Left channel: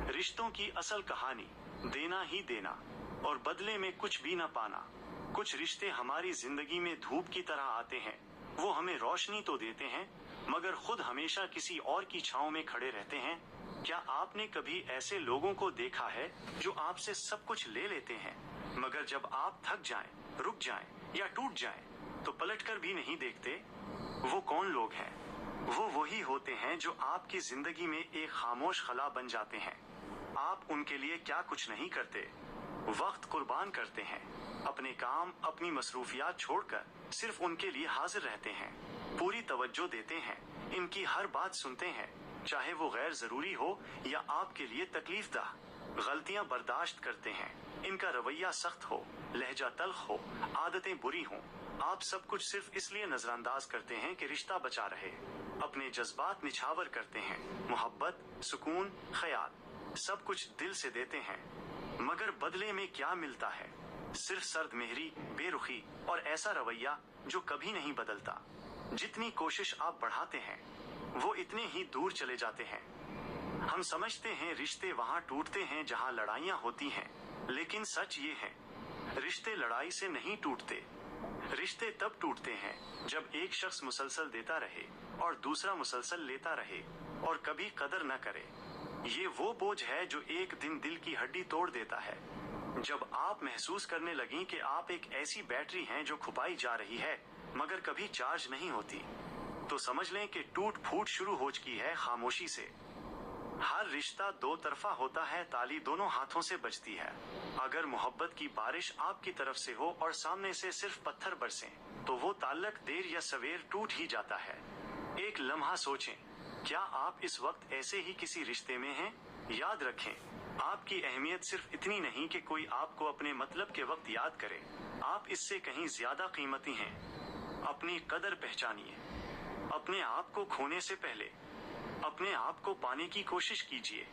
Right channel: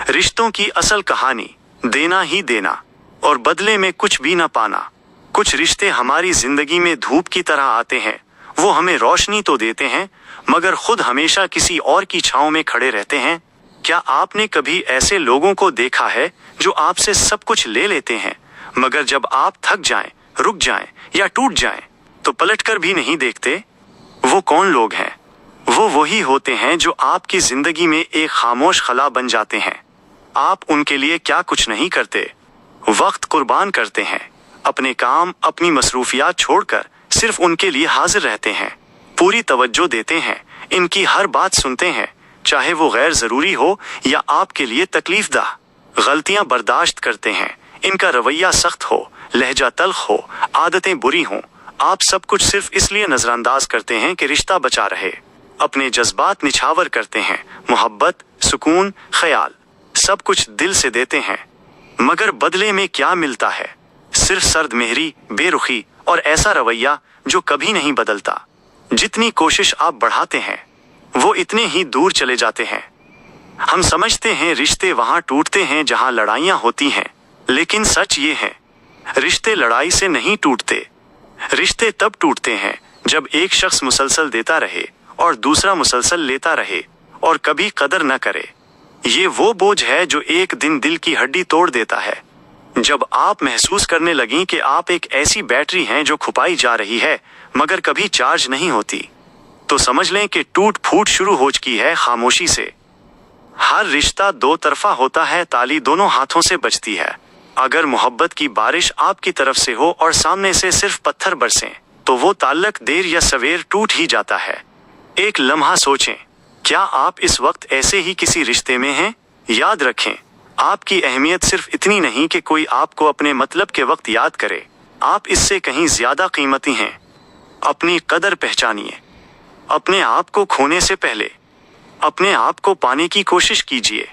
रिश्तों की असल कहानी देना ही देना और बदले में कुछ भी न पाना। कुछ रिश्ते हमारी जिंदगी में धूप की तरह आते हैं। वो हमें रोशनी तो देते हैं मगर खुद हमेशा किसी और की छांव में खड़े रहते हैं। क्या आपने कभी ऐसे लोगों को देखा है जो आपसे सब कुछ ले लेते हैं मगर जब आप थक जाएं, रुक जाएं या टूट जाएं तो पलटकर भी नहीं देखते? वो कौन लोग हैं? वो वही होते हैं जो आपकी जिंदगी में एक खामोश खला बन जाते हैं। आप उनके लिए क्या कुछ नहीं करते, वक्त कुर्बान करते हैं, अपने काम, अपनी मसरूफियात छोड़कर सिर्फ उनके लिए हाजिर रहते हैं, पूरी तवज्जो देते हैं, इनकी हर बात सुनते हैं, चाहे वो गैर जरूरी हो या आपके लिए तकलीफदाह। गलतियां बर्दाश्त करते हैं, इनका रवैया सख्त हो, लहजा तल्ख हो, आदतें बुरी हों, आप सब कुछ सिर्फ इसलिए नजरअंदाज करते हैं कि रिश्ता बचा रहे। अपने जज्बात निछावर करते हैं, मोहब्बत, सुकून, ख्याल सब कुछ दिल से देते हैं मगर बदले में क्या मिलता है? सिर्फ सर्द मेहरी, बेरुखी और ऐसा रवैया जो कभी नहीं बदलता। जितनी कोशिश आप बढ़ाते हैं वो इतने ही दूर चले जाते हैं। हम समझते हैं रिश्ते वहां टूटते हैं जहां लड़ाइयां होती हैं, लेकिन सच ये है रिश्ते लड़ाई से नहीं टूटते। रिश्ते तब टूटते हैं जब एक शख्स मुसलसल देता रहे और दूसरा मुसलसल लेता रहे और कभी कदर न करे। ये वो बोझ है जो एक दिन दिल की हड्डी तोड़ देता है। जब आप महसूस करने लगीं कि आप एक ऐसी बैटरी हैं जो खुपाई जा रही है मगर कभी चार्ज नहीं होती, तो समझ लें कि टूट फूट शुरू हो चुकी है खामोशी से। हर रिश्ता दो तरफा होता है, ताली दोनों हाथों से बजती है। अगर मोहब्बत की बारिश आपकी तरफ से हो और सामने से सिर्फ पत्थर बरसें तो वो ताल्लुक देर या सवेर टूट ही जाता है। एक लम्हा सोचें, क्या आप इस वक्त ऐसे ही किसी रिश्ते में हैं? याद रखें, आपकी अहमियत सिर्फ इतनी नहीं कि कोई आपको अपने मतलब के वक्त याद करे, आप इससे कहीं ज्यादा कीमती हैं। अपनी कदर पहचानिए। अपने आप को खोने से पहले अपने आप को पाने की कोशिश कीजिए।